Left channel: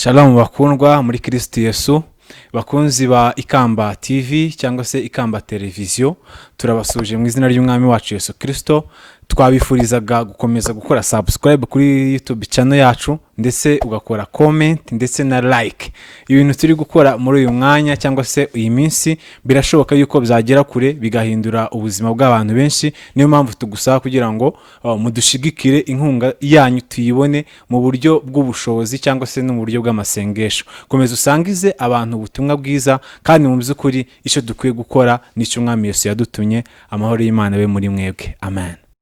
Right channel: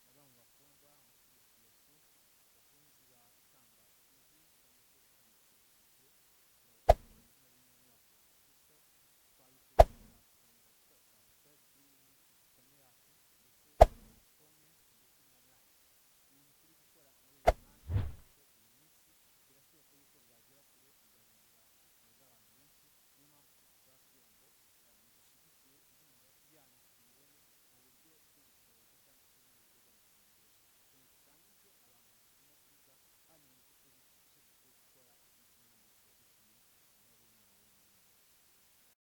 Shalom bakundwa muri Kristo YESU, bakunzi ba Ikamba TV cyangwa se Ikamba televiziyo, turabasuje mu izina ry'umwami wacu Yesu Kristo. Twabifurizaga gukomeza gukora subscribe kuri YouTube channel yacu, ndetse ugakora comment ndetse na like. Ibintu turi gukora muri uyu mwanya cyangwa se iyi minsi birashoboka yuko byagera kure bigahindura ubuzima bw'abantu benshi. Niyo mpamvu tugusaba kugira ngo mudushigikire, inkunga yanyu tuyibone mu buryo bw'ubushobozi cyangwa se no mu buryo bw'amasengesho. Komeza usangize abantu ubutumwa bwiza, kandi mu by'ukuri icyo dukwiye gukora n'icyo umwami Yesu yadutumye. Amahoro y'Imana be muri mwebwe. Amen.